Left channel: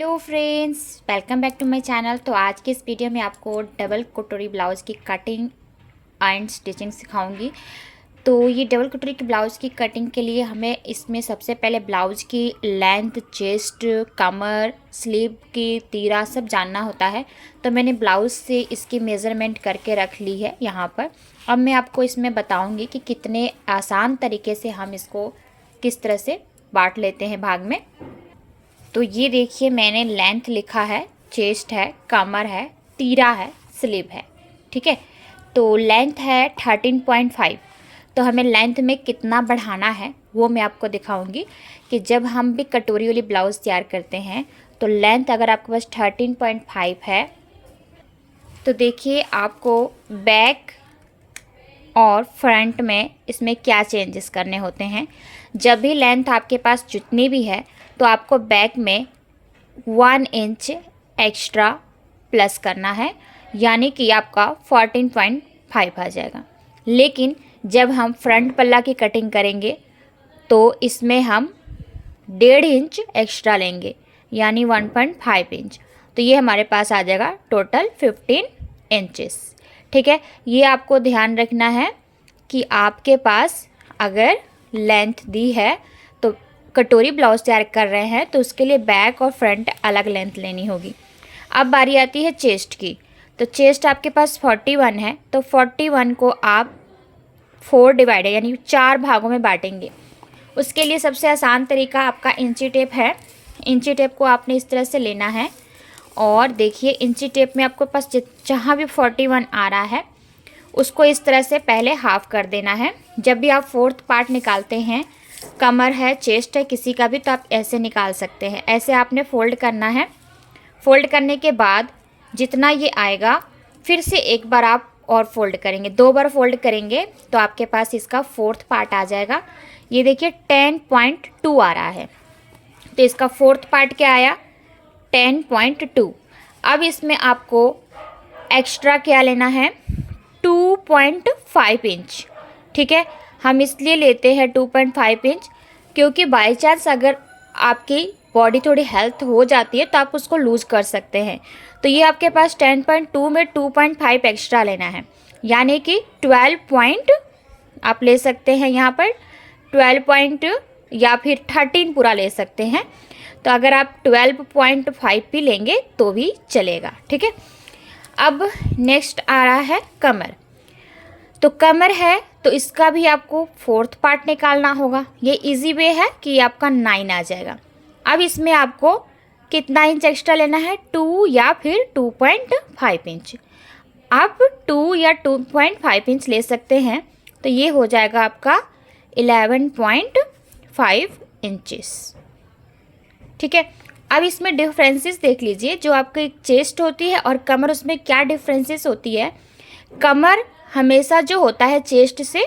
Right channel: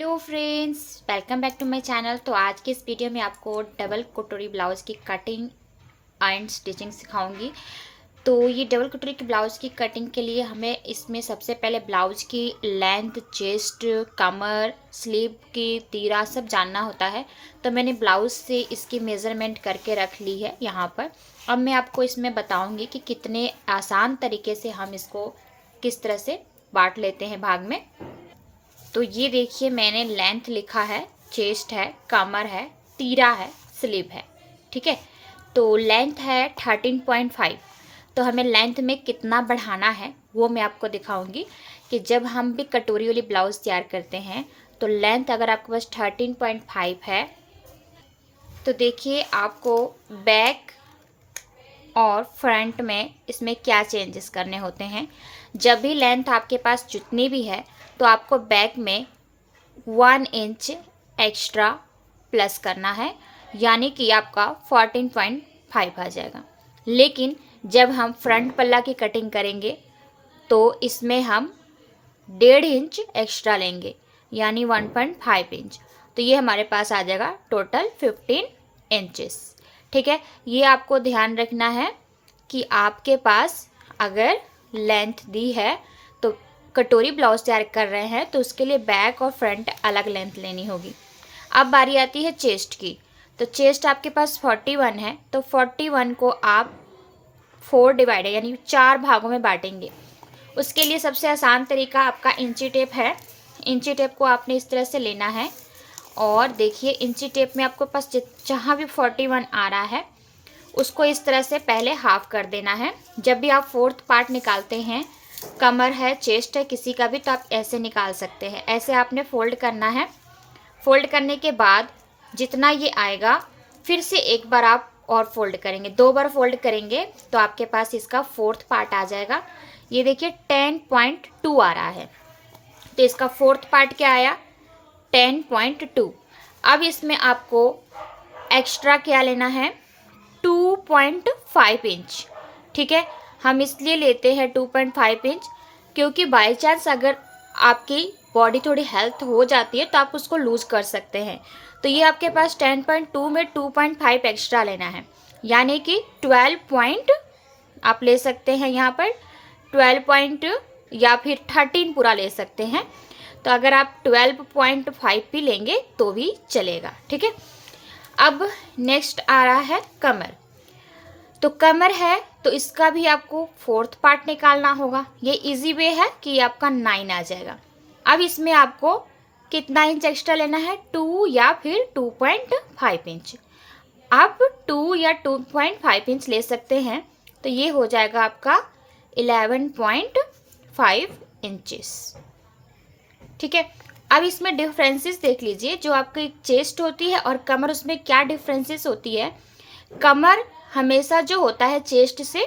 Hello friends, welcome back to my channel. तो आज की इस वीडियो में आपको डबल कटोरी ब्लाउज़ की कटिंग एंड स्टिचिंग सिखाऊंगी। तो ये डबल कटोरी की ब्लाउज़ की कटिंग के लिए हमें इसमें सबसे पहले ब्लाउज़ की लेंथ, चेस्ट, कमर, स्लीव की तीरा सब जानना होता है। तो मैंने ब्लाउज़ से इसकी मेज़रमेंट करके रख ली है यहाँ पर। अब मैं आपको इसमें बताऊँगी कि कितने आसान तरीके से हम इसको किस तरह से बांट लेते हैं भाग में। तो ये देखिए, मैंने लेंथ लिखा है, चेस्ट है, कमर है, तीरा है, स्लीव है। ठीक है, तो लेंथ है 13.5। तो हमें लेंथ में कितना बढ़ाना है वो मैं आपको दिखाऊंगी कि जब हम भी कटोरी वाली ब्लाउज़ तैयार करते हैं तो लेंथ अगर आपके पास 13.5 है तो देखिए आपको बैक और फ्रंट में इसमें क्या चेंजेस करने होते हैं। जब भी लेंथ आपके पास जितनी भी है तो आपको बैक में 1 इंच एक्स्ट्रा प्लस करना है, यानी कि आपका 14.5 आ जाएगा। लेकिन जब हम फ्रंट पल्ला की कटिंग करेंगे तो इसमें हम 1.5 इंच एक्स्ट्रा लेंगे, यानी 1.5 इंच। तो ये हमारे पास आ जाएगा टोटल 15 इंचेस। ठीक है, ये आपको ध्यान रखना है कि आपके पास अगर लेंथ दी है तो कटोरी ब्लाउज तैयार कर रहे हैं तो उसके लिए बैक और फ्रंट अलग लेंथ लेनी होगी। अब बारी आती है चेस्ट की। तो चेस्ट आपके पास 41 है, तो 41 को आप 4 डिवाइडेड यानी 4 भागों में बांटेंगे। उसके लिए सबसे आसान तरीका आपका इंची टेप है। इंची टेप को आपने इस तरह से लेना है और देखिए इंची टेप में आपके पास जहाँ भी 41 आ रहा है उसको इस तरह से पहले हाफ कर देना है। जब भी आप फोर्थ पार्ट निकालते हैं, कमर है, चेस्ट है, किसी का भी, तो आप ऐसे निकाल सकते हैं। ऐसे आपने फोल्ड करना है। फोल्ड करने के बाद जितना ये आएगा फिर से एक बार आप और फोल्ड करेंगे, 2 बार फोल्ड करेंगे तो आपके पास इसका फोर्थ पार्ट आ जाएगा। ये देखिए 10.2 आ रहा है, तो इसका फोर्थ पार्ट क्या आया, 10.2। अब इसमें आपको एक्स्ट्रा क्या लेना है, 2.5 इंच। ठीक है, हम इसलिए लेते हैं 2.5 इंच क्योंकि बाई चांस अगर आपकी बॉडी थोड़ी हेल्थ हो जाती है तो आप उसको लूज कर सकते हैं। तो ये आपके पास 10.2 में 2.5 एक्स्ट्रा लेना है, यानी कि 12 पॉइंट आप ले सकते हैं यहाँ पर, 12 पॉइंट या फिर 13 पूरा ले सकते हैं। तो अगर आप 12.5 भी लेंगे तो भी चलेगा। ठीक है, अब नेक्स्ट आ रहा है कमर। तो कमर है तो इसका भी आपको फोर्थ पार्ट निकालना होगा। ये इजी वे है कि आपका 9 आ जाएगा। अब इसमें आपको कितना इंच एक्स्ट्रा लेना है, 2 या फिर 2.5 इंच। आप 2 या 2.5 इंच ले सकते हैं, तो ये हो जाएगा आपका 11.5 इंचेस। ठीक है, अब इसमें डिफरेंसेस देख लीजिए। जो आपकी चेस्ट होती है और कमर, उसमें क्या डिफरेंसेस होती है। कमर हमेशा जो होता है चेस्ट से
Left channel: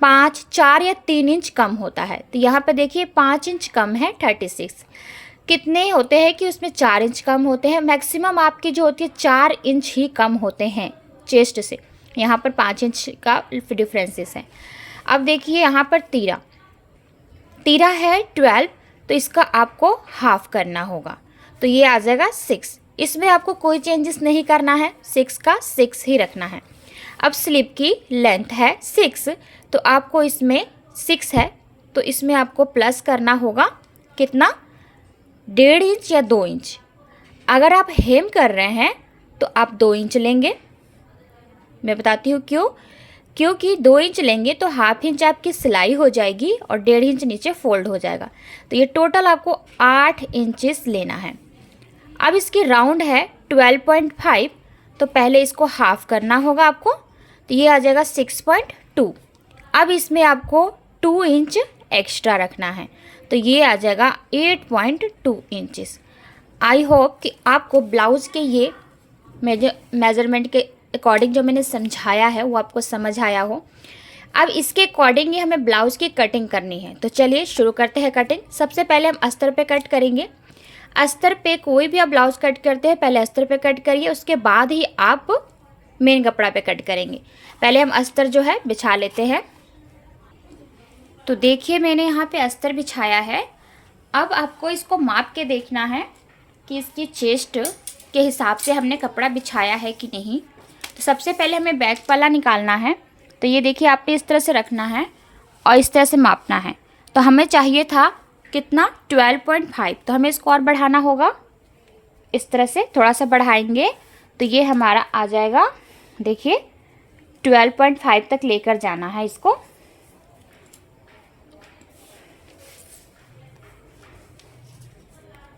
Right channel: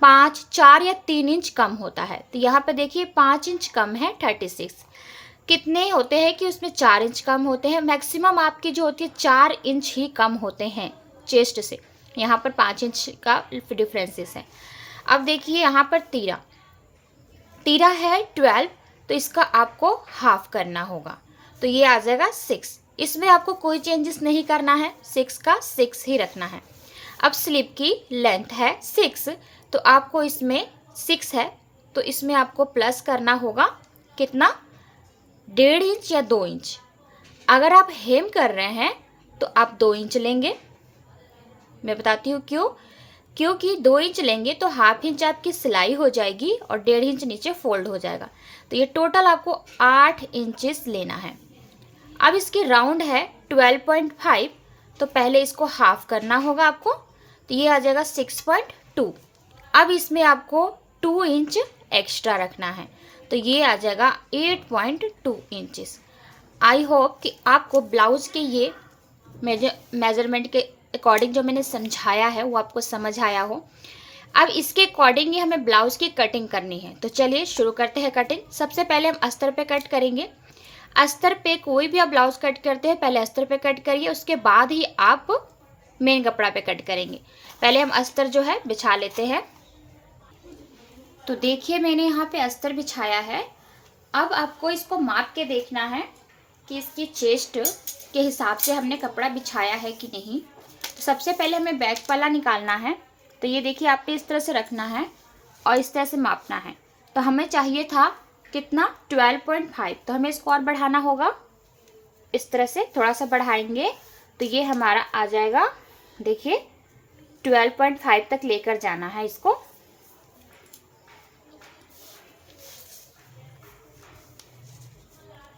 5, 4 या 3 इंच कम होता है। तो यहाँ पे देखिए 5 इंच कम है, 36। कितने होते हैं कि उसमें 4 इंच कम होते हैं। मैक्सिमम आपकी जो होती है 4 इंच ही कम होते हैं चेस्ट से। यहाँ पर 5 इंच का डिफरेंसेस है। अब देखिए यहाँ पर तीरा तीरा है 12, तो इसका आपको हाफ करना होगा, तो ये आ जाएगा 6। इसमें आपको कोई चेंजेस नहीं करना है, 6 का 6 ही रखना है। अब स्लीव की लेंथ है 6, तो आपको इसमें 6 है तो इसमें आपको प्लस करना होगा कितना, 1.5 इंच या 2 इंच। अगर आप हेम कर रहे हैं तो आप 2 इंच लेंगे। मैं बताती हूँ क्यों, क्योंकि 2 इंच लेंगे तो हाफ इंच आपकी सिलाई हो जाएगी और 1.5 इंच नीचे फोल्ड हो जाएगा। तो ये टोटल आपको 8 इंचेस लेना है। अब इसकी राउंड है 12.5, तो पहले इसको हाफ करना होगा आपको, तो ये आ जाएगा 6.2। अब इसमें आपको 2 इंच एक्स्ट्रा रखना है, तो ये आ जाएगा 8.2 इंचेस। आई होप कि आपको ब्लाउज़ के ये मेजरमेंट के अकॉर्डिंग जो मैंने समझाया है वो आपको समझ आया हो। अब इसके अकॉर्डिंग ही हमें ब्लाउज़ की कटिंग करनी है। तो चलिए शुरू करते हैं कटिंग। सबसे पहले हम अस्तर पे कट करेंगे। अस्तर पे कोई भी आप ब्लाउज़ कट करते हैं पहले अस्तर पे कट करिए, उसके बाद ही आप मेन कपड़ा पे कट करेंगे। पहले हम अस्तर जो है बिछा लेते हैं। तो देखिए मैंने यहाँ पे अस्तर बिछाया है। अब आपको इसको माप के देखना है कि इसकी चेस्ट के हिसाब से हमने कपड़ा बिछाया है कि नहीं। तो सबसे पहले हमें बैक पल्ला निकालना है। तो ये देखिए आपने इस तरह से रखना है और इस तरह से मापना है। तो हमें चाहिए था कितना 12.5, तो हमें इसको और बढ़ाना होगा। इस तरह से थोड़ा सा बढ़ाएंगे तो ये हमारा आ जाएगा, देखिए 12.5 तक लेकर जाना है इसको।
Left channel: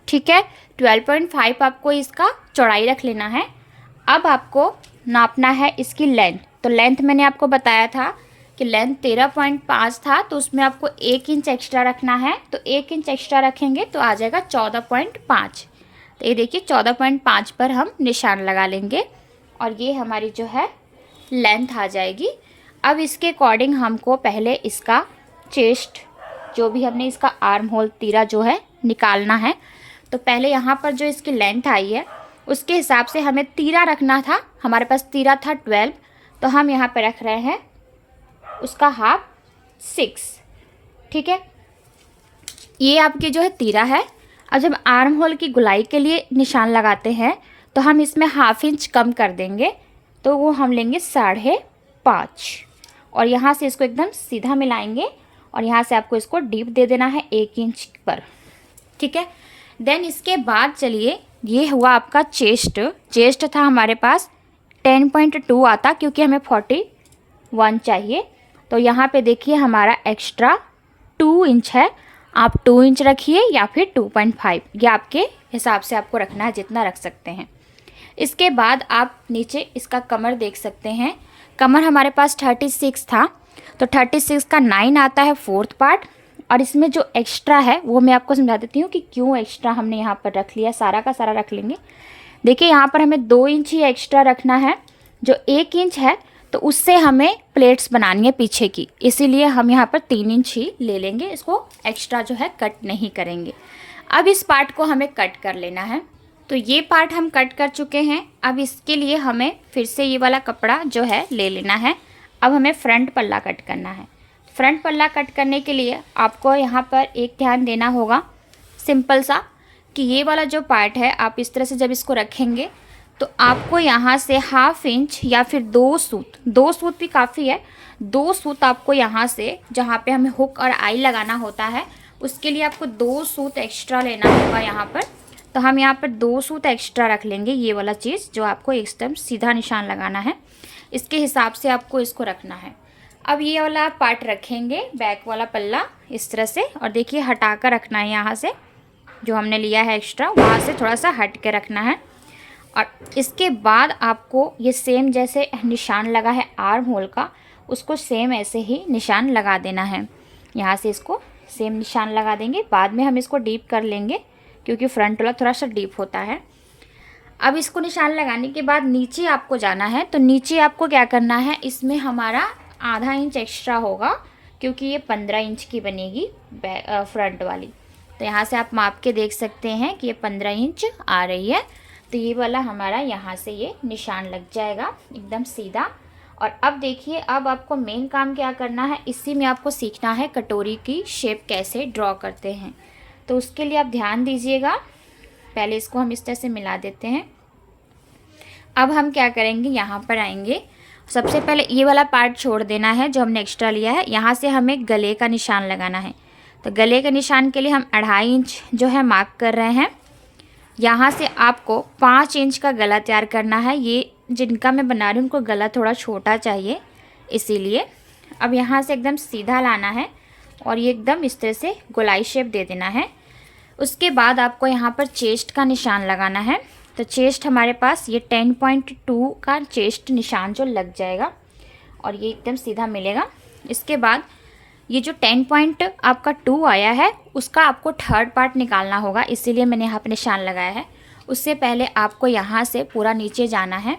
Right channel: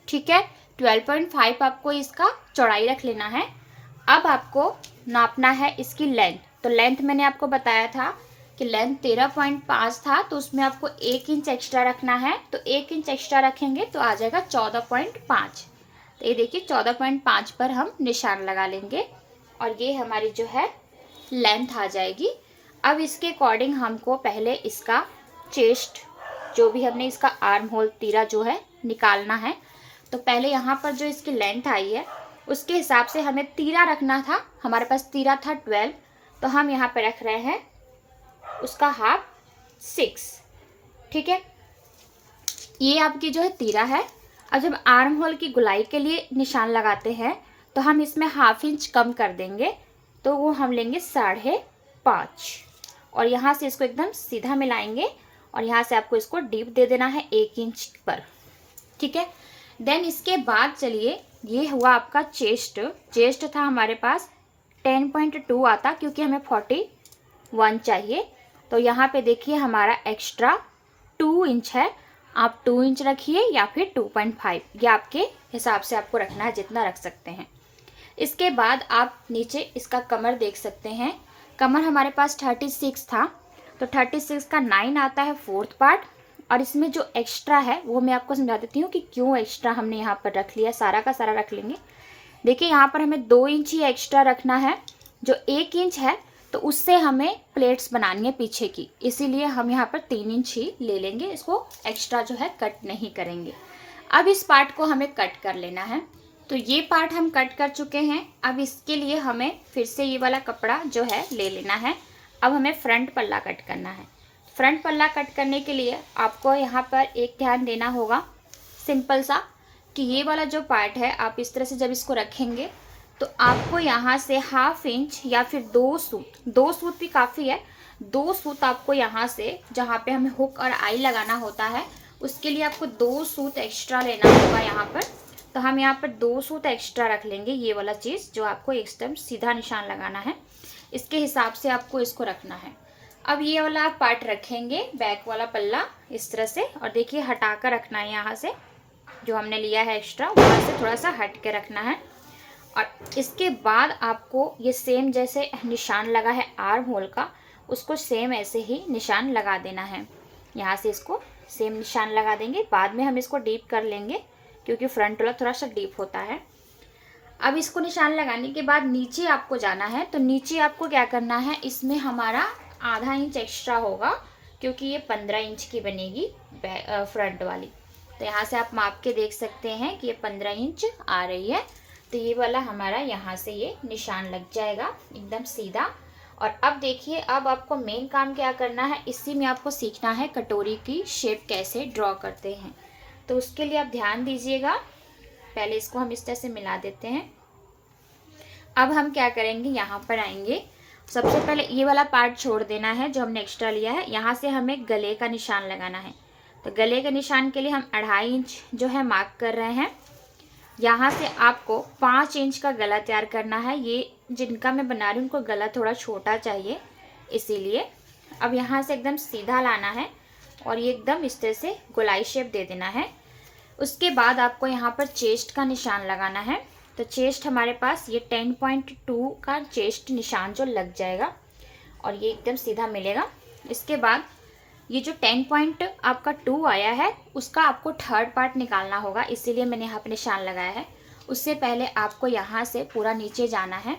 ठीक है, 12.5 आपको इसका चौड़ाई रख लेना है। अब आपको नापना है इसकी लेंथ। तो लेंथ मैंने आपको बताया था कि लेंथ 13.5 था, तो उसमें आपको 1 इंच एक्स्ट्रा रखना है। तो 1 इंच एक्स्ट्रा रखेंगे तो आ जाएगा 14.5। तो ये देखिए 14.5 पर हम निशान लगा लेंगे और ये हमारी जो है लेंथ आ जाएगी। अब इसके अकॉर्डिंग हमको पहले इसका चेस्ट, जो भी हमने इसका आर्म होल तीरा जो है निकालना है। तो पहले यहाँ पर जो इसकी लेंथ आई है उसके हिसाब से हमें तीरा रखना था। हमारे पास तीरा था 12, तो हम यहाँ पे रख रहे हैं उसका हाफ 6। ठीक है, ये आपकी जो है तीरा है। अब जब आर्म होल की गुलाई के लिए निशान लगाते हैं तो हम इसमें ½ इंच कम कर देंगे, तो वो हम लेंगे 5.5 और यहाँ से इसको एकदम सीधा मिलाएंगे और यहाँ से आपको इसको डीप दे देना है 1 इंच पर। ठीक है, देन इसके बाद चलिए, ये हुआ आपका चेस्ट। चेस्ट था हमारे पास 10.2 आता, क्योंकि हमें 41 चाहिए। तो यहाँ पे देखिए हमारा एक्स्ट्रा 2 इंच है। आप 2 इंच रखिए या फिर 2.5, ये आपके हिसाब से आपको रखना है, जितना रख सकते हैं। इसके बाद आप नीचे इसका कमर देख सकते हैं। कमर हमारे पास 36 था, तो 36 का 9 आता है 4th पार्ट। और इसमें जो एक्स्ट्रा है वो मैं आपको समझा देती हूँ कि क्यों एक्स्ट्रा हमने यहाँ पर रख लिया। सारा का सारा रख लेंगे। देखिए यहाँ पर हमें 2 इंच ही एक्स्ट्रा रखना है। जो 1 इंच है तो उससे हमें प्लेट्स बनानी है पीछे की, इसीलिए हम यहाँ पर 3 इंच ही ले लेंगे। इसको एक्स्ट्रा जो है कट नहीं करेंगे। अब इस पार्ट को हमें कट कर लेना है। तो ये पार्ट हम कट कर चुके हैं। अब इसके लिए हमें फिर से ये वाला कपड़ा जो है ले लेना है। अब हमें फ्रंट पल्ला कट करना है। फ्रंट पल्ला कट करने के लिए आपको यहाँ पर एक ध्यान देना होगा, सिंपल सा, कि ये वाला जो पार्ट है आप इस तरह से जब इसको रखेंगे तो आपको यहाँ से ½ इंच या फिर 2 सूत भी काफ़ी है, 2 सूत आपको यहाँ से, जहाँ पे हमें हुक और आई लगाना होता है, उसके लिए आपको 2 सूत एक्स्ट्रा लेना होगा यहाँ पर। तो हम यहाँ पर 2 सूत एक्स्ट्रा रख लेंगे। ये वाला चीज़ जो आपको एकदम सीधा निशान लगाना है, इसके हिसाब से आपको इसको रखना है। अब ये वाला पार्ट रखेंगे, बैक वाला पल्ला इस तरह से, और देखिए हटा कर रखना है। यहाँ से जो हमने लिया है एक्स्ट्रा, वहाँ से थोड़ा सा हट के रखना है। और इसके बाद आपको ये सेम जैसे निशान लगा है आर्म होल का, उसको सेम ऐसे ही निशान लगा देना है। यहाँ से इसको सेम निशान लगा देंगे। बाद में हम इसको डीप कर लेंगे क्योंकि फ्रंट वाला थोड़ा सा डीप होता है। अब इसको निशान लगाने के बाद नीचे आपको जाना है। तो नीचे आपको क्या करना है, इसमें हमारा ½ इंच एक्स्ट्रा होगा क्योंकि ये 15 इंच की बनेगी फ्रंट वाली। तो यहाँ से आप माप के देख सकते हैं कि ये 15 इंच आ रही है। तो ये वाला हमारा यहाँ से ये निशान लग जाएगा एकदम सीधा। और अब देखिए, अब आपको मेन काम क्या करना है, इसी में आपको सीखना है कटोरी की शेप कैसे ड्रॉ करते हैं। तो उसके लिए आप ध्यान दीजिएगा। पहले इसको हम इस तरह से मिला देते हैं। अब हम क्या करेंगे, यहाँ पर आएंगे। सबसे पहले ये वाला पार्ट छोड़ देना है जो हमने एक्स्ट्रा लिया है। यहाँ से हमें गले का निशान लगाना है। तो गले के निशान के लिए हम 2.5 इंच जो है मार्क कर रहे हैं। यहाँ से आपको 5 इंच का गला तैयार करना है। ये जिनका मैं बना रही हूँ उनको गला थोड़ा छोटा चाहिए, इसीलिए। अब यहाँ से एकदम सीधा लाना है और ये एकदम इस तरह से गोलाई शेप दे देना है। उसके बाद आपको यहाँ पर चेस्ट का निशान लगाना है। तो चेस्ट हमारे पास ये 10.2 का चेस्ट निशान जो लग जाएगा और ये एकदम सीधा मिलेगा। इसके बाद ये जो 10.2 आया है उसका आपको 3rd पार्ट निकालना होगा, इसीलिए मैंने यहाँ पर निशान लगाया है। उससे पहले आपको यहाँ से पूरा नीचे जाना है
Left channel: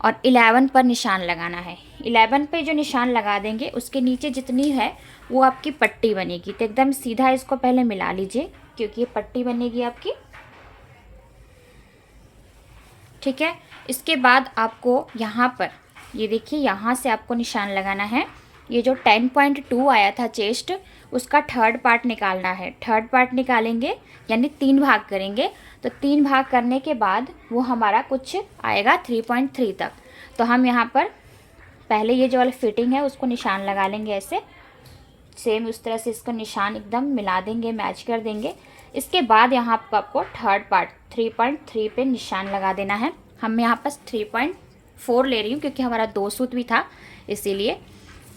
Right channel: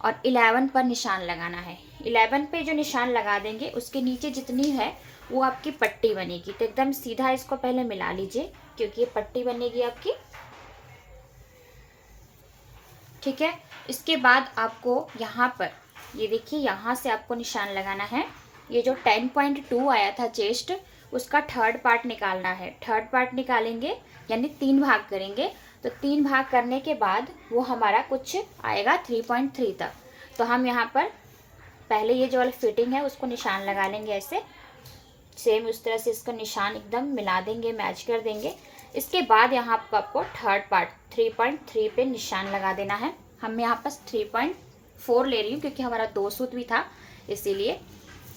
और 11 पर निशान लगाना है। 11 पे जो निशान लगा देंगे उसके नीचे जितनी है वो आपकी पट्टी बनेगी। तो एकदम सीधा इसको पहले मिला लीजिए क्योंकि ये पट्टी बनेगी आपकी। ठीक है, इसके बाद आपको यहाँ पर ये देखिए, यहाँ से आपको निशान लगाना है। ये जो 10.2 आया था चेस्ट, उसका 3rd पार्ट निकालना है। 3rd पार्ट निकालेंगे यानी 3 भाग करेंगे। तो 3 भाग करने के बाद वो हमारा कुछ आएगा 3.3 तक। तो हम यहाँ पर पहले ये जो वाला फिटिंग है उसको निशान लगा लेंगे, ऐसे सेम उस तरह से इसका निशान एकदम मिला देंगे, मैच कर देंगे। इसके बाद यहाँ पर आपको थर्ड पार्ट 3.3 पे निशान लगा देना है। हम यहाँ पर 3.4 ले रही हूँ क्योंकि हमारा 2 सूत भी था इसीलिए।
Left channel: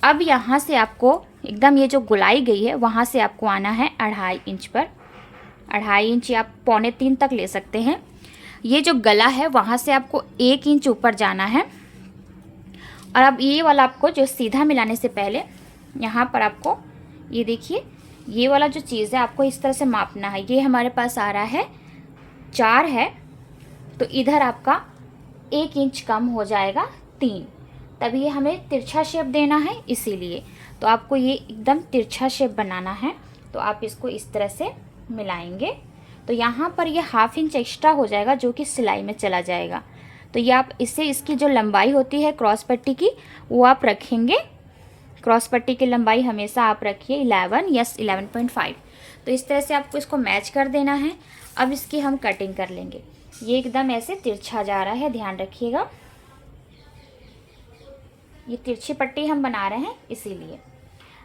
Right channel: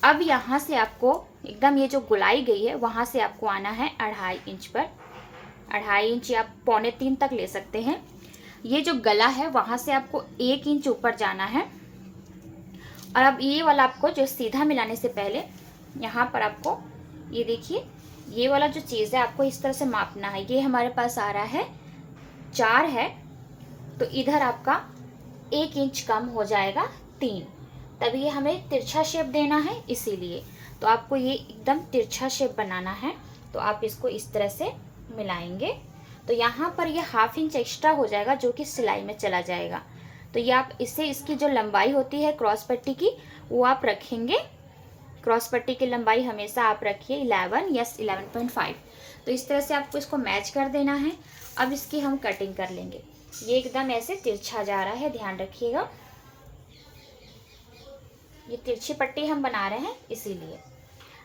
अब यहाँ से आपको एकदम ये जो गुलाई गई है वहाँ से आपको आना है 2.5 इंच पर, 2.5 इंच या 2.25 तक ले सकते हैं। ये जो गला है वहाँ से आपको 1 इंच ऊपर जाना है। और अब ये वाला आपको जो सीधा मिलाने से पहले यहाँ पर आपको ये देखिए ये वाला जो चीज़ है आपको इस तरह से मापना है। ये हमारे पास आ रहा है 4 है, तो इधर आपका 1 इंच कम हो जाएगा 3, तभी ये हमें तिरछा शेप देना है इसीलिए। तो आपको ये एकदम तिरछा शेप बनाना है, तो आप इसको इस तरह से मिलाएंगे तो यहाँ पर ये 1/2 इंच एक्स्ट्रा हो जाएगा जो कि सिलाई में चला जाएगा। तो ये आप इससे इसकी जो लंबाई होती है क्रॉस पट्टी की वो आप रखेंगे। क्रॉस पट्टी की लंबाई हमेशा आप रखिए 11 या 11.5। तो इस तरह से आपको इसको मैच कर देना है। अब इसकी हम कटिंग कर लेंगे। ये एकदम ऐसे तिरछा जा रहा है, ध्यान रखिएगा। ये तिरछी पट्टी हम बना रहे हैं इसीलिए।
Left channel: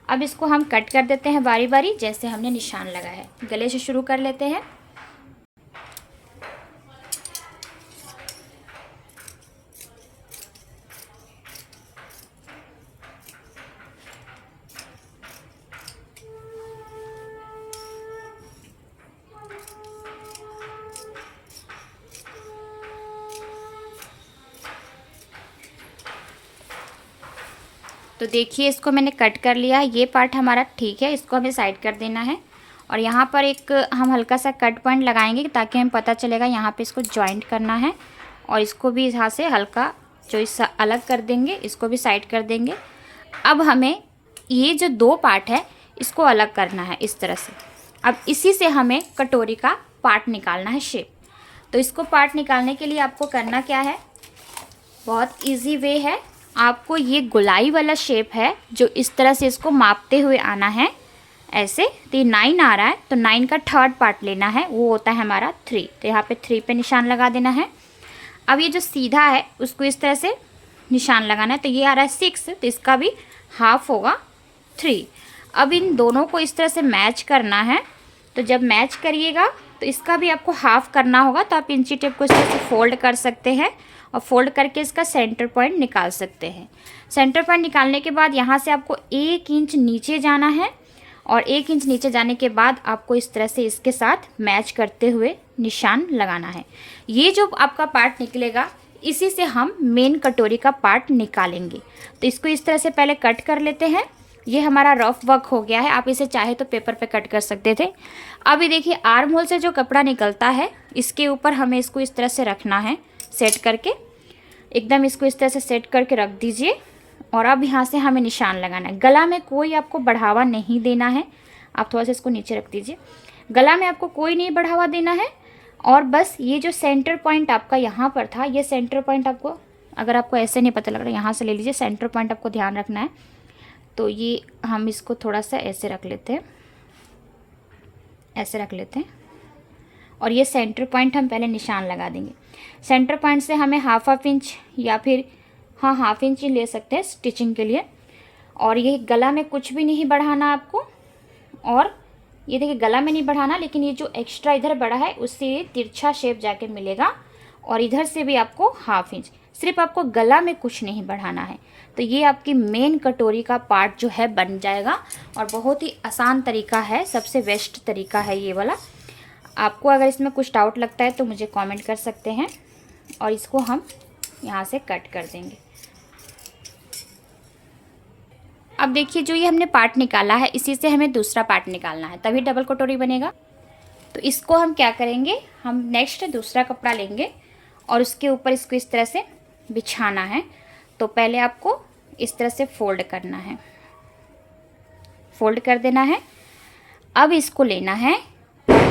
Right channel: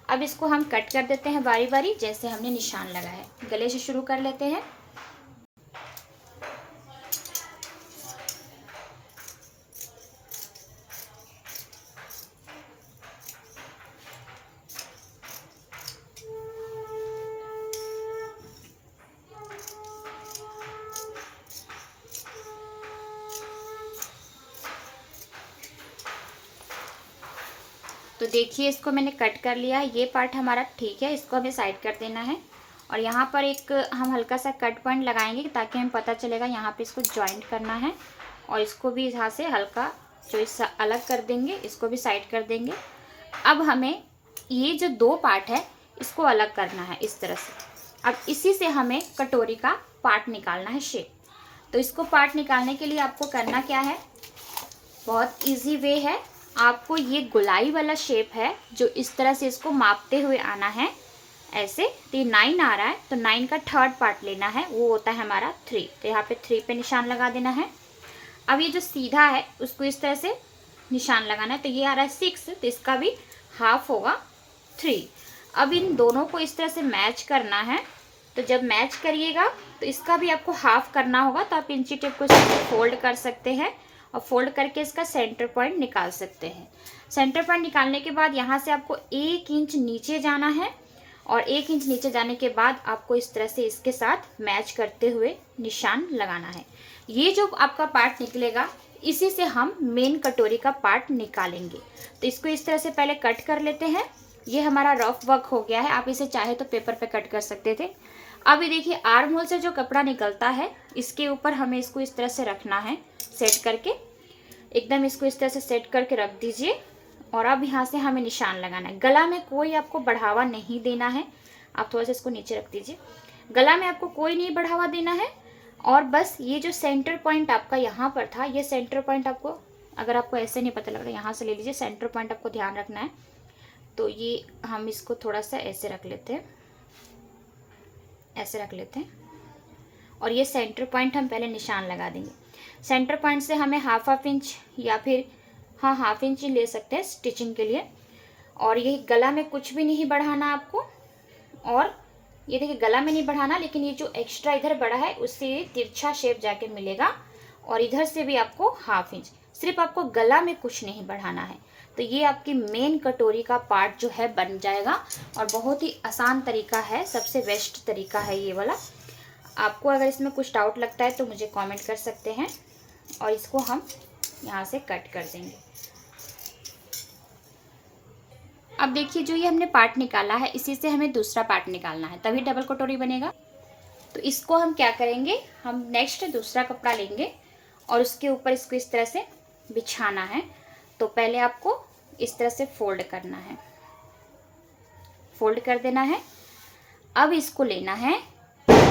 अब इसको हम कट कर देते हैं बारी बारी, जैसे हमने निशान लगाया है। गले से शुरू कर लेते हैं। तो देखिए इसको मैंने कट कर लिया है, ये पार्ट हमारा ठीक है, इसको हमें साइड कर देना है। और यहाँ पर एक हम हल्का सा कट पॉइंट लगाएंगे ताकि हमें पता चलेगा यहाँ पे इसको जॉइंट करना है। और इसको भी यहाँ से हल्का जो इस अलग कर देंगे, इसको भी साइड कर देंगे। अब हमें ये जो 2 पार्ट है इसको अलग करना है इस तरह से। अब इसी से हमें कटोरी का पार्ट निकालना है, शेप। तो इसको पार्ट निकालने के लिए आपको करना क्या है, बहुत ईजी वे है। आपको ये गोलाई वाला शेप है जो इस तरह से इसको मापते हुए आना है ऐसे। तो ये 9 आ रहा है, तो 9 का थर्ड पार्ट लेना है, वो होता है हमारा 3। तो यहाँ पे 3 पे निशान लगा देना है। अब ये जो सीधा है उसको इस तरह से निशान लगाना है। तो ये आ रहा है 6, तो इसका भी हाफ होगा 3। अब इन दोनों को इस तरह से मैच करना है। तो जब मैच करिएगा तो इसका भी आपको हाफ करना होगा। तो आप इंची टेप को इस तरह से फोल्ड कर सकते हैं और फोल्ड करके इसका सेंटर पॉइंट निकाल सकते हैं। सेंटर पॉइंट निकालने के बाद यहाँ से आपको 1 इंच नीचे जाना है। और 1 इंच नीचे जाने के बाद आपको इस तरह से इसके साथ मैच करते हुए निशान लगाना है। ये जो आपका पार्ट निकलेगा इसी से हम मेन कटोरी का पार्ट निकालेंगे। तो इसको इस तरह से पहले कट कर लेते हैं। ये हमारा रफ वर्क हो गया है, आप इसे चाहे तो पेपर पे कट कर सकते थे। अब ये देखिए आर्म होल से जो कपड़ा निकलता है इसके ऊपर हमें इसको इस तरह से रखना है, सेट करके एकदम इसको इस तरह से सेट करके रख दीजिए। और अब यहाँ से हमें निशान लगाना है। गला में कोई आपको बढ़ावा नहीं देना है, आप थोड़ा सा इसको नीचे रख दीजिए। गला में आपको कोई नहीं बढ़ावा देना है। और बस ये जो सेंटर पॉइंट आपका यहाँ पर था, ये सेंटर पॉइंट आपको, अगर आपको ऐसे नहीं पता लग रहा यहाँ से ले लीजिए। सेंटर पॉइंट आपको ध्यान रखना है। तो ये हम इसको थोड़ा सा ऐसे रख लेते हैं, ऐसे रख लेते हैं। और ये सेंटर पॉइंट हम पहले निशान लगा देंगे। सेंटर पॉइंट से हमें हाफ इंच या फिर हाफ इंच ही ले सकते हैं स्टिचिंग के लिए। और ये गला में कुछ भी नहीं बढ़ाना आपको। और ये देखिए गला में नहीं बढ़ाना, लेकिन ये जो एक्स्ट्रा इधर बढ़ा है उससे ये तिरछा शेप जाके मिलेगा। और इधर से भी आपको हाफ इंच, सिर्फ आपको गला में कुछ नहीं बढ़ाना है। तो ये आपकी मेन कटोरी का पार्ट जो है बन जाएगा। और बहुत ही आसान तरीका है, सबसे बेस्ट तरीका है ये वाला। आपको अगर इसमें कुछ डाउट लगता है तो मुझे कमेंट कर सकते हैं। और इसको हम यहाँ से कट कर देंगे। अब देखिए जो ये हमने पार्ट निकाला है इसी से हमें दूसरा पार्ट निकालना है, तभी डबल कटोरी बनेगा। तो इसको हम क्या करेंगे, हम नेक्स्ट दूसरा कपड़ा लेंगे और उसके ऊपर इसको इस तरह से बिछाना है। तो पहले आपको इस तरह से फोल्ड करना है, फोल्ड कर देना है। अब इसको लेना है,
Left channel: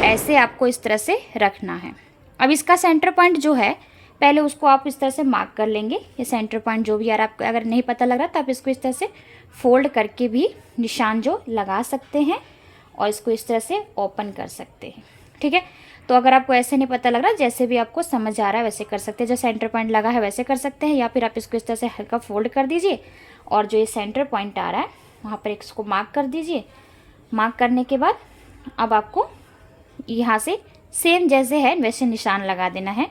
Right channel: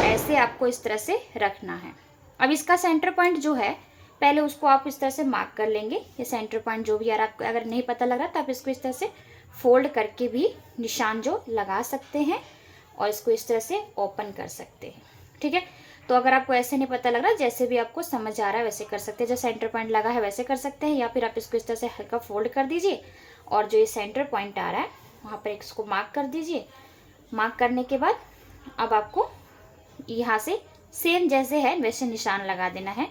ऐसे आपको इस तरह से रखना है। अब इसका सेंटर पॉइंट जो है पहले उसको आप इस तरह से मार्क कर लेंगे। ये सेंटर पॉइंट जो भी यार आपको अगर नहीं पता लग रहा तो आप इसको इस तरह से फोल्ड करके भी निशान जो लगा सकते हैं और इसको इस तरह से ओपन कर सकते हैं। ठीक है, तो अगर आपको ऐसे नहीं पता लग रहा, जैसे भी आपको समझ आ रहा है वैसे कर सकते हैं। जो सेंटर पॉइंट लगा है वैसे कर सकते हैं, या फिर आप इसको इस तरह से हल्का फोल्ड कर दीजिए और जो ये सेंटर पॉइंट आ रहा है वहाँ पर इसको मार्क कर दीजिए। मार्क करने के बाद अब आपको यहाँ से सेम जैसे है वैसे निशान लगा देना है,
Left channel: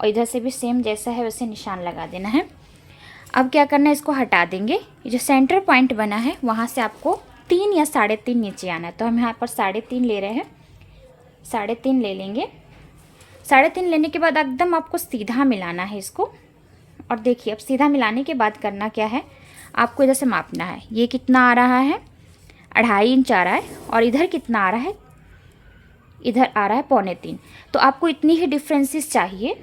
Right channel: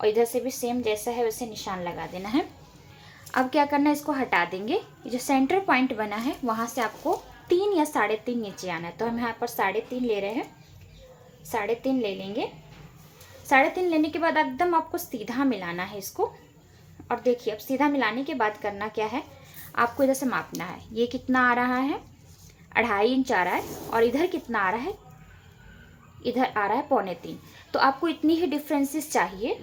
और इधर से भी सेम जैसा है वैसे निशान लगा देना है। अब क्या करना है, इसको हटा देंगे। ये जो सेंटर पॉइंट बना है वहाँ से आपको 3 या 3.5 नीचे आना है। तो हम यहाँ पर 3.5 ले रहे हैं, 3.5 ले लेंगे। 3.5 लेने के बाद एकदम आपको सीधा मिलाना है इसको। और देखिए अब सीधा मिलाने के बाद करना क्या है, आपको इधर से मापना है। ये कितना आ रहा है, 2.5 इंच आ रहा है, और इधर कितना आ रहा है, इधर आ रहा है 2.25। तो आपको इतनी ही डिफरेंसेस चाहिए।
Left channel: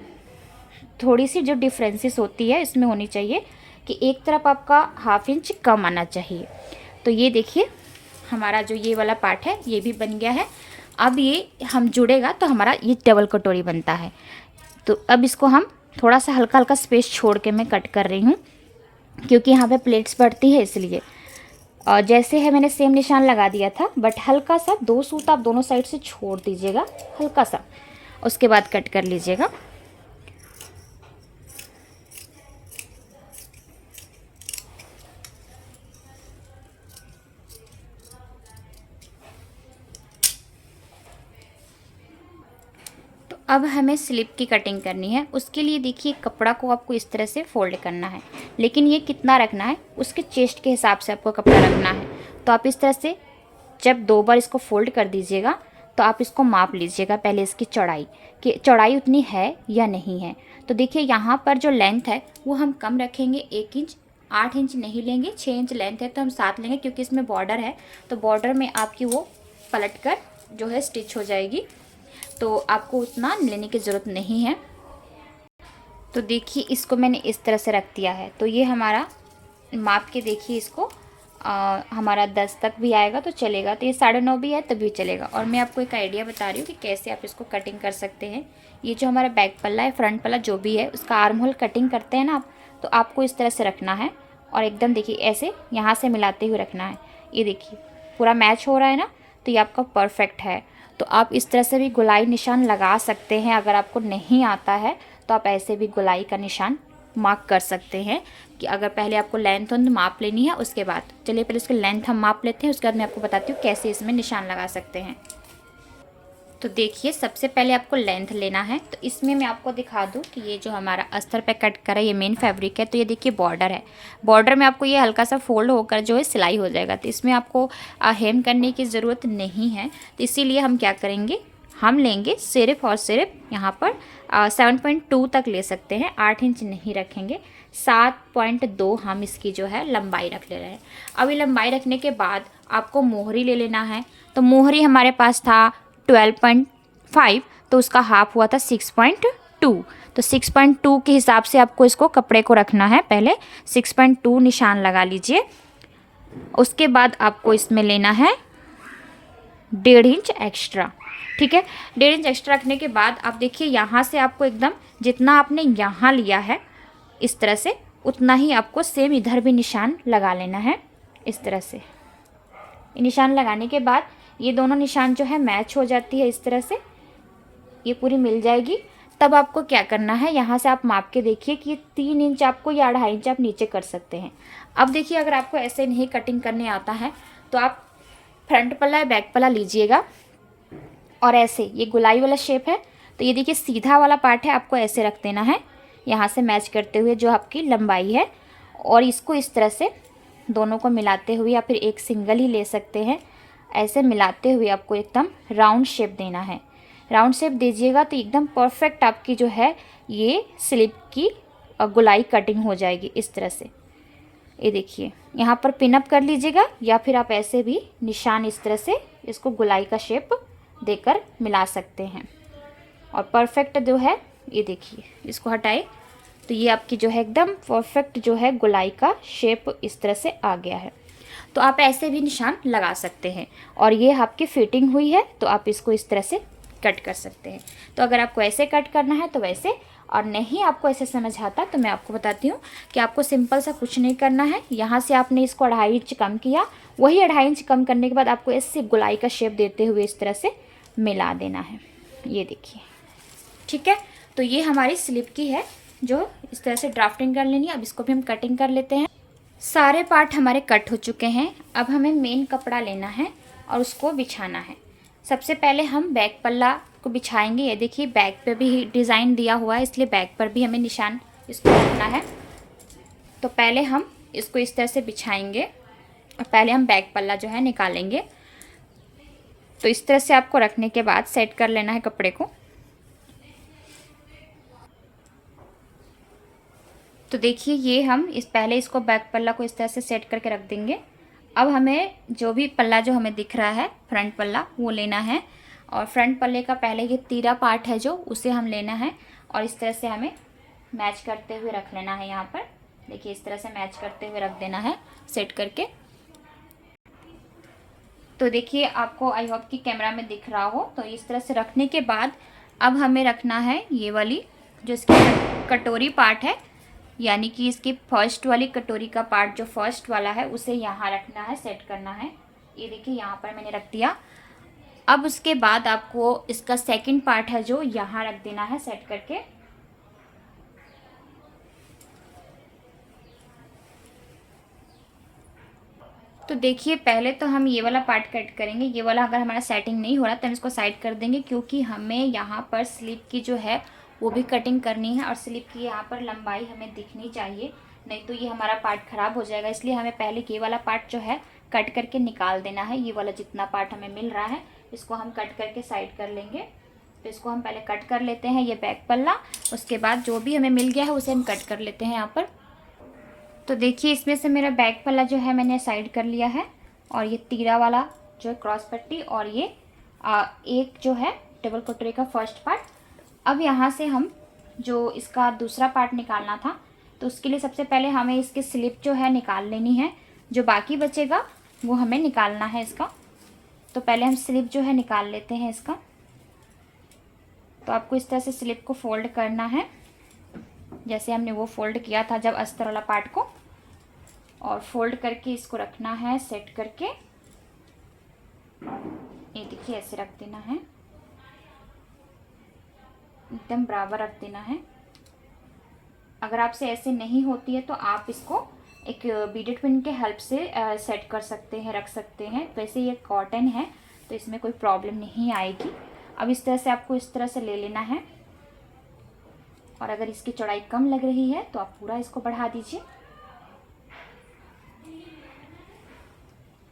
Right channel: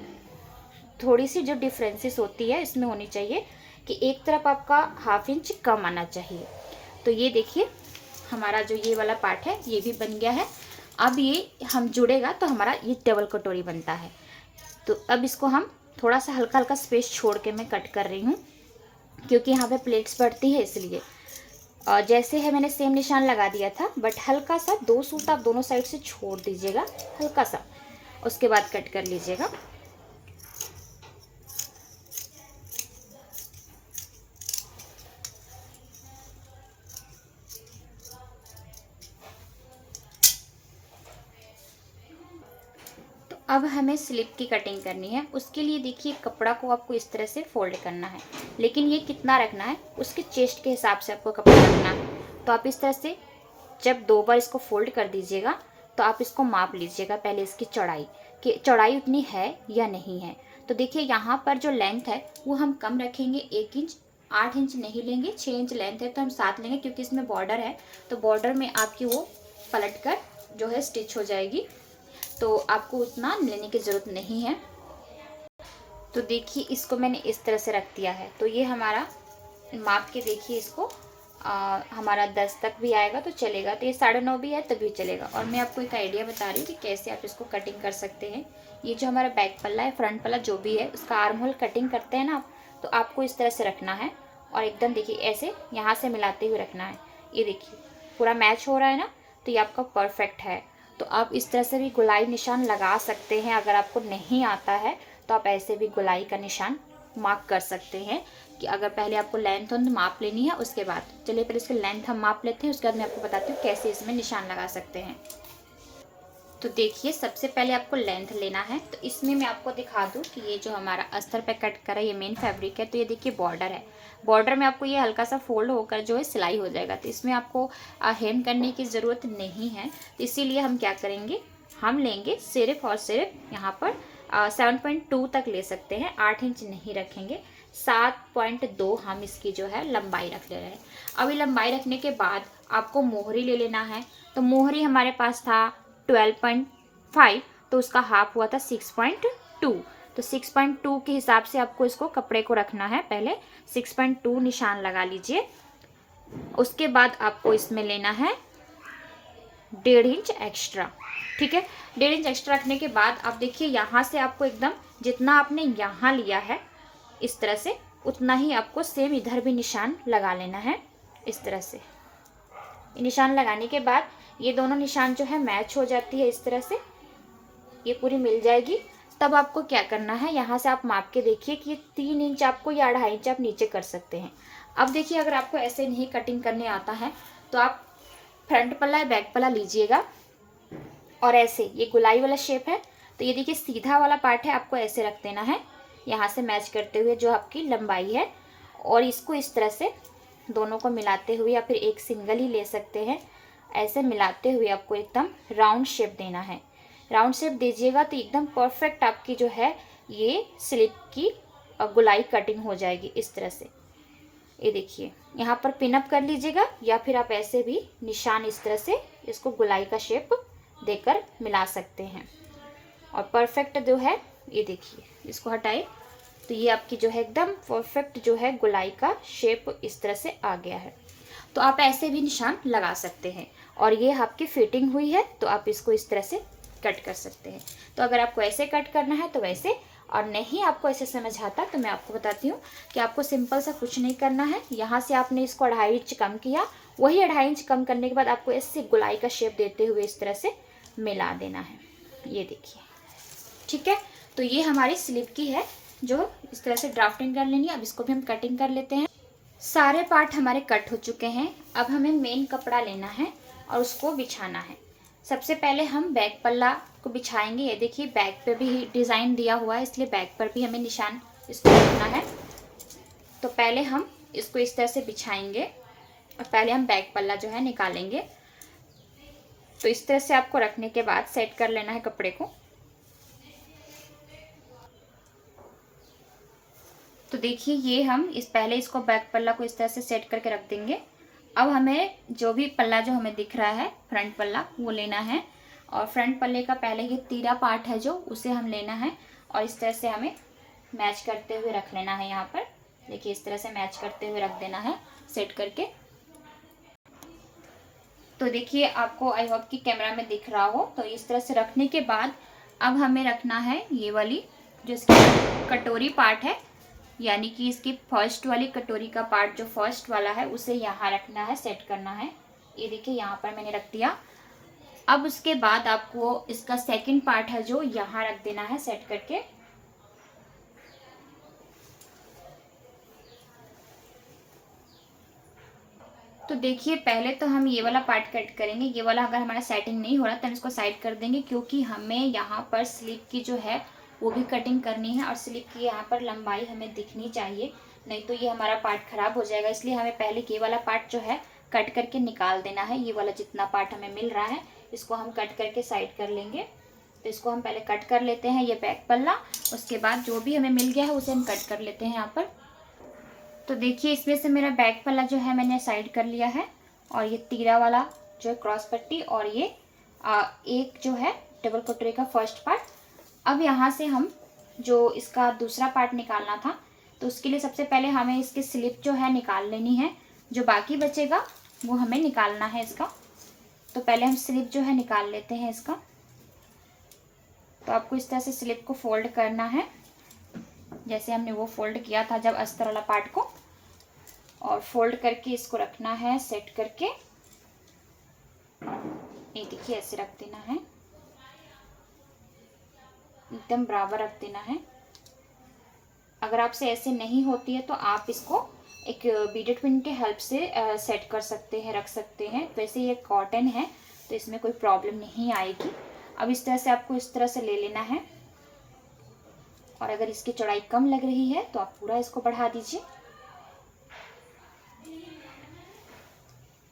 थोड़ी सी जो डिफरेंसेस होती है इसमें होनी चाहिए कि एक तरफ आपका 1/2 इंच कम आना चाहिए। तो ये देखिए हमारा जो ये वाला पार्ट है ये भी बन गया है। अब ये हम जुड़ेगा तो हमारा ये डबल कटोरी बनता है। तो अब इसको हम थोड़ा सा हल्का हल्का स्पेस छोड़ के मैं कट कर रही हूँ, क्योंकि यहाँ पे प्लेट्स बढ़ती है इसलिए। और जैसे है मैंने सेम निशान लगा दिया था, बट हल्का सा 2 सूत आप दोनों साइड से छोड़ दीजिएगा, हल्का सा, उसके बाद कट कर लीजिएगा। अब हमें स्लिप की कटिंग करनी है। उसके लिए देखिए कपड़ा को आपको इस तरह से फोल्ड करना है, लेकिन ये कितना रखना है उसके चेस्ट के हिसाब से आपको कपड़ा रखना है। तो आप इस तरह से जब 2 बार इसको फोल्ड कर दीजिएगा तो आप इसको माप लीजिएगा पहले इसकी चौड़ाई, कि चौड़ाई उतनी है या नहीं है। तो देखिए यहाँ पर जो लेंथ है वो हम कम रखेंगे, 1 इंच, 8 इंच नहीं लेंगे। 6 इंच लेंथ है तो हम 7 लेंगे, क्योंकि इसमें बॉर्डर है तो बॉर्डर में आपकी वो पलट कर जो है स्टिच हो जाएगी, तो आपको उतना लेने की ज़रूरत नहीं है। तो देखिए इसको मैंने इस तरह से रख दिया है। तो ये हमारा माप के देखिए इसको हमारा 10 तक भी आएगा तो चलेगा, तो ये 9.5 भी है तभी चलेगा। और मैं आपको एक आइडिया बता रही हूँ कि कैसे आप इसको कटिंग कर सकते हैं। ये जो हमारा बैक पल्ला है, फ्रंट पल्ला जो भी है, उसका आर्म होल कटिंग करते हैं ना आप, तो आपको इस तरह से रखना है और एकदम देखिए ऐसे यहाँ से मिलाते हुए रखना है। ये देखिए पूरा मैच हो रहा है ना, तो ये आपका परफेक्ट है। तो आप इस तरह से भी गोलाई निशान लगा सकते हैं। अगर आपको नहीं आता है तो आप ऐसे भी गोलाई का निशान मार्क कर सकते हैं, कि अगर पहले आपको लेंथ माप लेनी है उसके बाद। चलिए पहले उसकी लेंथ हम माप लेते हैं, उसके बाद मैं आपको बताती हूँ कैसे इसमें निशान लगा सकते हैं। तो देखिए सबसे पहले आपको लेंथ लेना है। तो इसमें मैं आपको दिखा दूँ कि ये जो हमारा अस्तर पे कट करा है ये मेन फैब्रिक है। तो ये देखिए बॉर्डर है, बॉर्डर में आपको ये हल्का सा फोल्ड होकर जो है सिलाई हो जाएगा। तो इसमें आपको हेम करने की ज़रूरत नहीं है। तो इसीलिए हम क्या करेंगे, हम लेंगे सिर्फ और सिर्फ यहाँ पर 7.2 तक ले सकते हैं, 8 इंच नहीं रखेंगे। 7.2 हम इसकी जो है लंबाई रख ले रहे हैं। अभी लंबाई रखने के बाद आपको मोहरी ले लेना है। तो मोहरी हमारे पास था 12.5, तो उसका हाफ हुआ था 6.2। तो 6.2 के हिसाब से आपको इसको कपड़े को रखना है। पहले 6.2 निशान लगा लीजिए। उसके बाद आपको इसमें लेना है 1.5 इंच एक्स्ट्रा, ठीक है। 1.5 इंच एक्स्ट्रा रखने के बाद आप देखिए यहाँ से आपको एकदम जितना आपने यहाँ लिया है इस तरह से, उतना ही आपको सेम इधर भी निशान लगा लेना है इस तरह से। निशान लगाने के बाद ये दोनों निशान जो है मैच हो जाती है इस तरह से, ये पूरी मिल जाएगी। तब आपको क्या करना है, यहाँ से आप माप के देखिए कि 3 इंच आपको या 2.5 इंच आप नीचे कर सकते हैं। अब देखिए अगर आपको ऐसे नहीं कटिंग करने आता है तो आप फ्रंट पल्ला या बैक पल्ला लीजिएगा और ऐसे ये गुलाई वाला शेप है, तो ये देखिए सीधा वाला पार्ट है, आपको ऐसे रख देना है यहाँ से मैच करते हुए जो आपकी लंबाई है। और इसको इस तरह से दोनों को मिलाते हुए, या फिर एक सिंगल ही ले सकते हैं, ऐसे मिलाते हुए आपको एकदम राउंड शेप देना है। राउंड शेप दीजिएगा तो एकदम परफेक्ट आपकी जो है ये स्लिप की गुलाई कटिंग हो जाएगी इस तरह से। ये देखिए यहाँ पर पिनअप कर लीजिएगा, या फिर आप ऐसे भी निशान इस तरह से इसको गुलाई का शेप देकर मिला सकते हैं। और परफेक्ट जो है ये देखिए, इसको हटाए तो ये आपकी जो है एकदम परफेक्ट जो है गुलाई का शेप इस तरह से आ गया है। तो आप ऐसे भी निशान लगा सकते हैं। और ये आपकी फिटिंग हुई है तो आप इसको इस तरह से कट कर सकते हैं। तो अगर आपको ऐसे कट करना है तो वैसे, और नहीं आपको ऐसे समझ आता तो मैं आपको बताती हूँ कि आपको सिंपल सा कुछ नहीं करना है। यहाँ से आपने इसको 2.5 इंच कम किया, वही 2.5 इंच कम करने के बाद आपको ऐसे गुलाई का शेप देते हुए इस तरह से मिला देना है। ये देखिए, ठीक है। तो ये हमारी स्लीव की है जो इस तरह से ड्राफ्टिंग कर लेनी है। अब इसको भी हम कटिंग कर लेते हैं। सारे पार्ट हमारे कट हो चुके हैं। अब हमें मेन कपड़ा लेना है और उसको बिछाना है। सबसे पहले हम बैक पल्ला को बिछाएंगे। ये देखिए बैक पे भी डिज़ाइन दिया हुआ है, इसलिए बैक पर भी हमें निशान इसको रखना है। तो पहले हम इसको इस तरह से बिछाएंगे और पहले हम बैक पल्ला जो है निकालेंगे। तो इस तरह से आपको रखने के बाद सेट कर लेना है कपड़े को। तो देखिए ये हम पहले इसको बैक पल्ला को इस तरह से सेट करके रख देंगे। अब हमें जो भी पल्ला जो हमें दिख रहा है फ्रंट पल्ला वो लेना है और फ्रंट पल्ले का पहले ये तीरा पार्ट है जो उसे हम लेना है और इस तरह से हमें मैच करते हुए रख लेना है। यहाँ पर देखिए इस तरह से मैच करते हुए रख देना है सेट करके। तो देखिए आपको आई होप कि कैमरा में दिख रहा हो। तो इस तरह से रखने के बाद अब हमें रखना है ये वाली जो इसकी कटोरी पार्ट है, यानी कि इसकी फर्स्ट वाली कटोरी का पार्ट जो फर्स्ट वाला है उसे यहाँ रखना है, सेट करना है। ये देखिए यहाँ पर मैंने रख दिया। अब उसके बाद आपको इसका सेकंड पार्ट है जो यहाँ रख देना है सेट करके। तो देखिए पहले तो हम ये वाला पार्ट कट करेंगे। ये वाला अगर हमारा सेटिंग नहीं हो रहा तो हम इसको साइड कर देंगे, क्योंकि हमें यहाँ पर स्लीव की जो है वो भी कटिंग करनी है और स्लीव की यहाँ पर लंबाई हमें दिखनी चाहिए, नहीं तो ये हमारा पार्ट ख़राब हो जाएगा। इसलिए हमें पहले ये वाला पार्ट जो है कट करके निकाल देना है। ये वाला जितना पार्ट हमें मिल रहा है इसको हम कट करके साइड कर लेंगे। तो इसको हम पहले कट कर लेते हैं ये बैक पल्ला, उसके बाद जो भी हमें मिल गया है उसे हम कट कर लेते हैं यहाँ पर। तो देखिए इसमें से मेरा बैक पल्ला जो है मैंने साइड कर लिया है और ये तीरा वाला जो है क्रॉस पट्टी और ये एक जो है डबल कटोरी का फर्स्ट पार्ट। अब यहाँ से हम जो इसका दूसरा पार्ट निकालना था तो उसके लिए सबसे पहले हमें इसकी स्लिप जो है निकाल लेनी है। जो बाकी बचेगा वो हमें निकालना है इसका। तो पहले हम स्लिप जो है निकाल लेते हैं इसका। तो आपको इस तरह से स्लिप को फोल्ड करना है जैसे हमने वो फोल्ड किया था जब अस्तर वाला पार्ट को, और फोल्ड करके इसको रखना है सेट करके। ये देखिए ऐसे रख देना है, एकदम बराबर रख देना है। अगर आपसे ऐसे नहीं होती है तो आप इसको एक बीडेड पिन के हेल्प से सेट कर सकते हैं, रख सकते हैं। वैसे ये कॉटन है तो इसमें कोई प्रॉब्लम नहीं आएगी। अब इस तरह से आपको इस तरह से ले लेना है और अगर इसकी चौड़ाई कम लग रही है तो आप पूरा इसको बढ़ा दीजिए।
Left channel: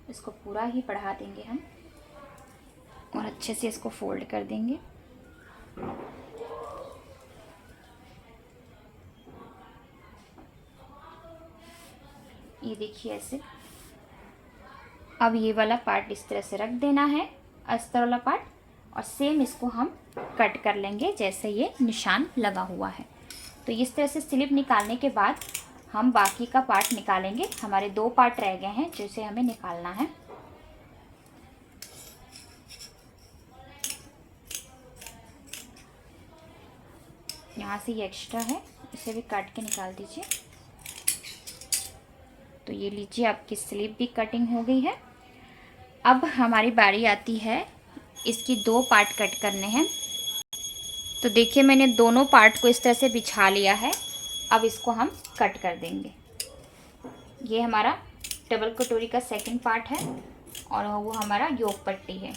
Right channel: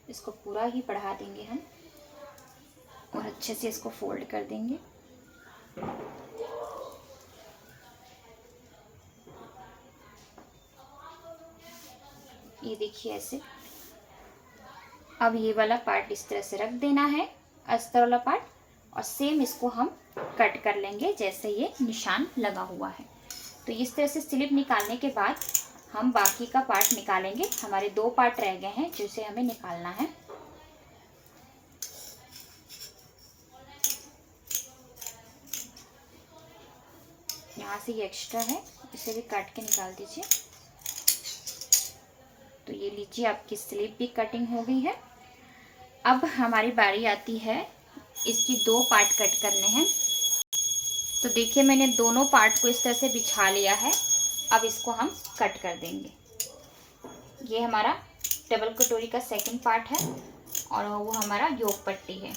इसको पूरा ही बढ़ा देंगे हम और अच्छे से इसको फोल्ड कर देंगे। ये देखिए ऐसे। अब ये वाला पार्ट इस तरह से रख देना है, अस्तर वाला पार्ट, और सेम इसको हम कट कर लेंगे जैसे ये निशान लगा हुआ है। तो इस तरह से स्लिप निकालने के बाद हम बाकी का पार्ट निकालेंगे। हमारे दो पार्ट रह गए हैं जिसे हमें निकालना है। यहाँ से ये एक्स्ट्रा है इसे भी काट के निकाल दीजिए। तो ये लीजिए आपकी स्लीव भी कटिंग हो गई है। अब हमारी बारी आती है इसकी दो पार्ट कट करने हैं। तो देखिए मैंने दोनों पार्ट को इस तरह से बिछा लिया है। अब इसको हम कट कर देंगे। ये हमारा डबल कटोरी का सेकंड पार्ट है और वो हमारा योक पट्टी है।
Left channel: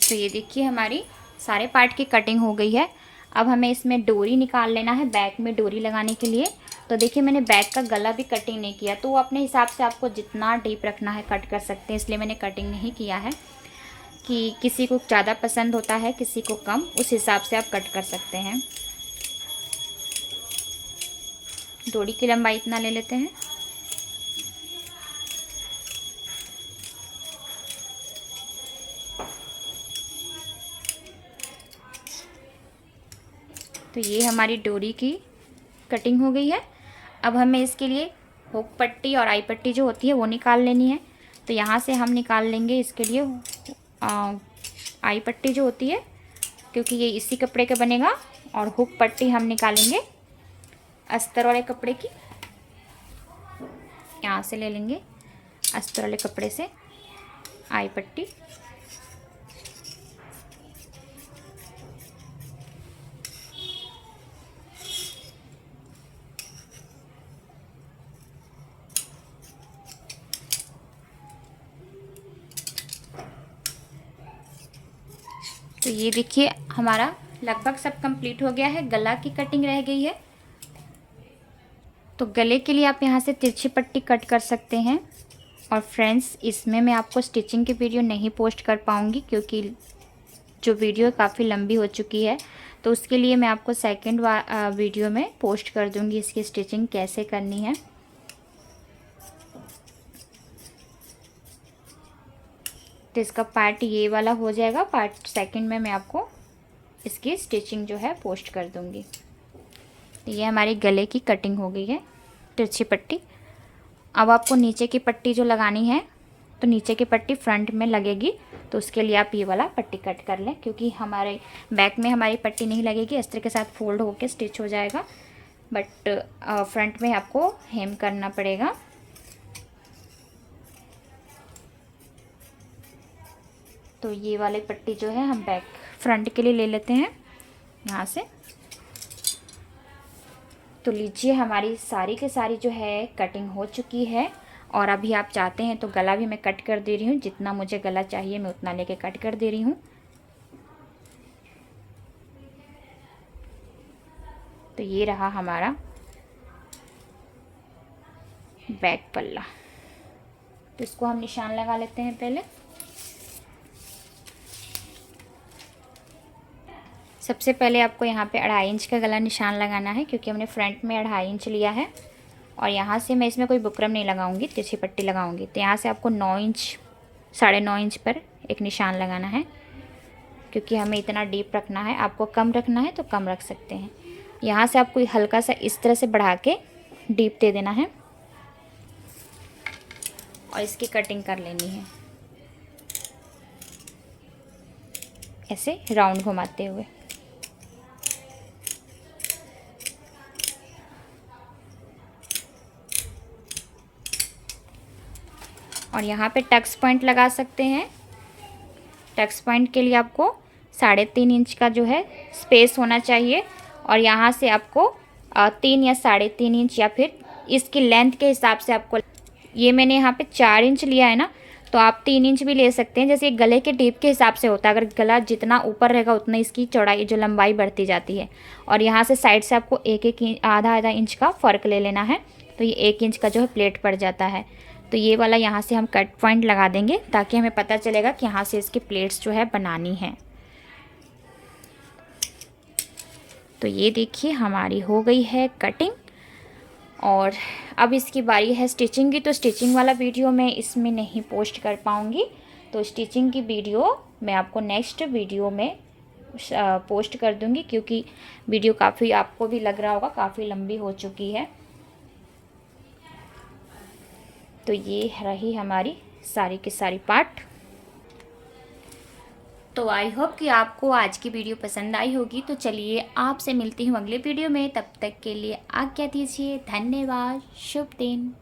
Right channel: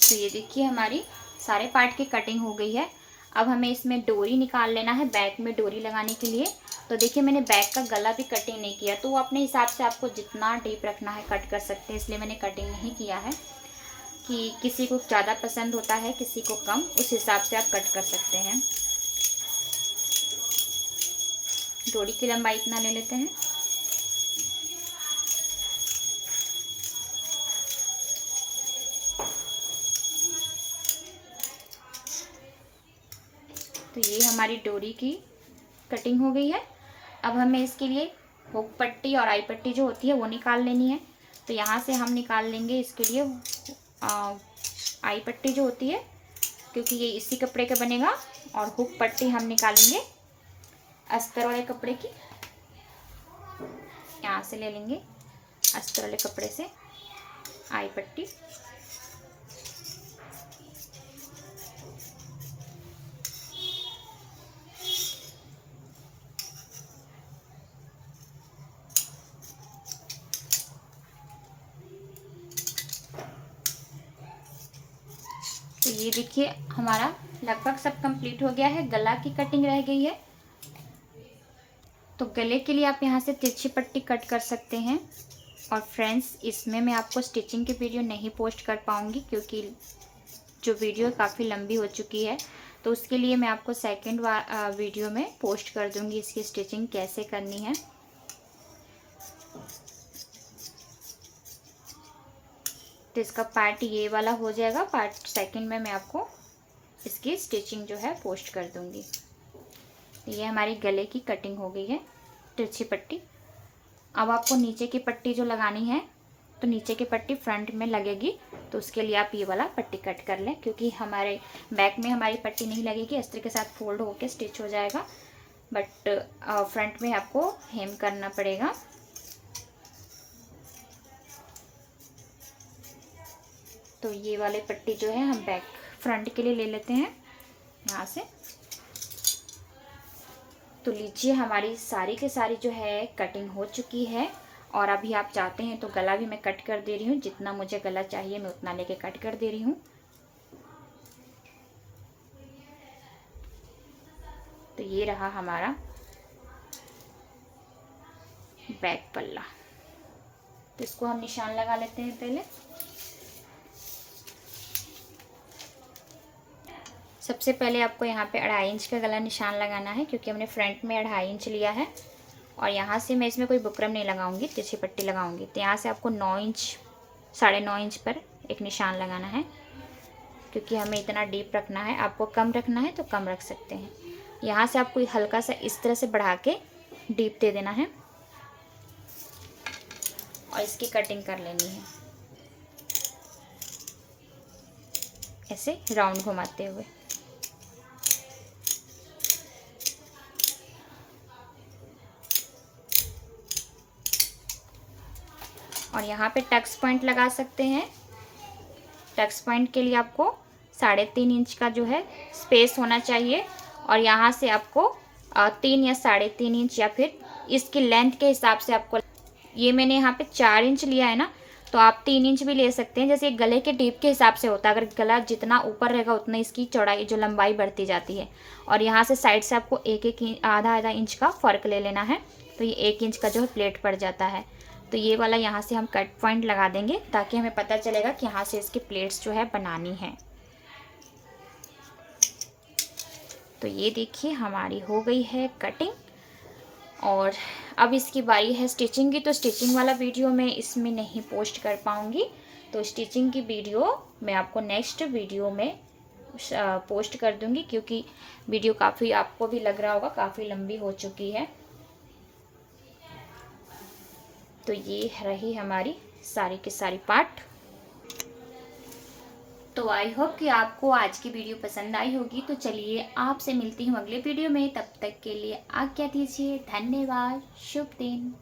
तो ये देखिए हमारी सारे पार्ट की कटिंग हो गई है। अब हमें इसमें डोरी निकाल लेना है बैक में डोरी लगाने के लिए। तो देखिए मैंने बैक का गला भी कटिंग नहीं किया, तो वो अपने हिसाब से आपको जितना डीप रखना है कट कर सकते हैं, इसलिए मैंने कटिंग नहीं किया है। कि किसी को ज़्यादा पसंद होता है, किसी को कम, उस हिसाब से आप कट कर सकते हैं। डोरी की लंबाई इतना ले लेते हैं। तो ये हमारी डोरी की कटिंग हो गई है। अब हमें इसके लिए हुक पट्टी और आई पट्टी जो होती है वो निकाल लेनी है। तो यहाँ से हम निकाल लेंगे इसके लिए आई पट्टी जो होती है, क्योंकि ये इसी कपड़े का बनेगा। और हुक पट्टी हम निकालेंगे अस्तर वाले कपड़े की। यहाँ से ले लेंगे अस्तर वाले कपड़े से आई पट्टी। तो ये देखिए हमारा लगभग सब कंप्लीट हो गया है। गला की कटिंग रह गई है। तो गले के लिए आप यहाँ से तिरछी पट्टी कट कर सकते हैं। और फ्रेंड्स, इसमें मैं आपको स्टिचिंग की वीडियो नहीं पोस्ट कर पाऊँगी, क्योंकि जो वीडियो काफ़ी लंबी हो चुकी है। तो उसके लिए मैं आपको सेकंड वीडियो में पोस्ट कर दूँगी इसकी स्टिचिंग कैसे करनी है। तो इसका पार्ट ये वाला हो जाएगा। पार्ट सेकंड में मैं आपको इसकी स्टिचिंग जो है पोस्ट कर दूँगी। ये हमारी गले की कटिंग हो गई है, तिरछी पट्टी। अब आपको नीचे की पट्टी जो लगानी है, तो नीचे की पट्टी फ्रंट में लगेगी। तो उसके लिए आप ये वाला पट्टी कट कर लें, क्योंकि हमारे बैक में हमारी पट्टी नहीं लगेगी। अस्तर के साथ फोल्ड होके स्टिच हो जाएगा, बट फ्रंट में आपको हेम करना पड़ेगा। तो ये वाले पट्टी जो है हम बैक फ्रंट के लिए ले लेते हैं यहाँ से। तो लीजिए हमारी सारी के सारी जो है कटिंग हो चुकी है। और अभी आप चाहते हैं तो गला भी मैं कट कर दे रही हूँ। जितना मुझे गला चाहिए मैं उतना लेके कट कर दे रही हूँ। तो ये रहा हमारा बैक पल्ला। तो इसको हम निशान लगा लेते हैं पहले। सबसे पहले आपको यहाँ पे 2.5 इंच का गला निशान लगाना है, क्योंकि हमने फ्रंट में 2.5 इंच लिया है। और यहाँ से मैं इसमें कोई बुकरम नहीं लगाऊंगी, तिरछी पट्टी लगाऊंगी। तो यहाँ से आपको 9 इंच 9.5 इंच पर एक निशान लगाना है, क्योंकि हमें इतना डीप रखना है। आपको कम रखना है तो कम रख सकते हैं। यहाँ से आपको हल्का सा इस तरह से बढ़ा के डीप दे देना है और इसकी कटिंग कर लेनी है, ऐसे राउंड घुमाते हुए। और यहाँ पे टक्स पॉइंट लगा सकते हैं। टक्स पॉइंट के लिए आपको 3.5 इंच का जो है स्पेस होना चाहिए। और यहाँ से आपको 3 या 3.5 इंच, या फिर इसकी लेंथ के हिसाब से आपको, ये मैंने यहाँ पे 4 इंच लिया है ना, तो आप 3 इंच भी ले सकते हैं। जैसे गले के डीप के हिसाब से होता है। अगर गला जितना ऊपर रहेगा उतना इसकी चौड़ाई जो लंबाई बढ़ती जाती है। और यहाँ से साइड से आपको एक आधा इंच का फ़र्क ले लेना है। तो ये 1 इंच का जो है प्लेट पड़ जाता है। तो ये वाला यहाँ से हम कट पॉइंट लगा देंगे, ताकि हमें पता चलेगा कि यहाँ से इसकी प्लेट्स जो है बनानी है। तो ये देखिए हमारी हो गई है कटिंग। और अब इसकी बारी है स्टिचिंग की। तो स्टिचिंग वाला वीडियो मैं इसमें नहीं पोस्ट कर पाऊँगी। तो स्टिचिंग की वीडियो मैं आपको नेक्स्ट वीडियो में पोस्ट कर दूँगी, क्योंकि वीडियो काफ़ी, आपको भी लग रहा होगा, काफ़ी लंबी हो चुकी है। तो ये रही हमारी सारी की सारी पार्ट। तो आई होप कि आपको आज की वीडियो पसंद आई होगी। तो चलिए आपसे मिलती हूँ अगले वीडियो में। तब तक के लिए आज्ञा दीजिए। धन्यवाद। शुभ दिन।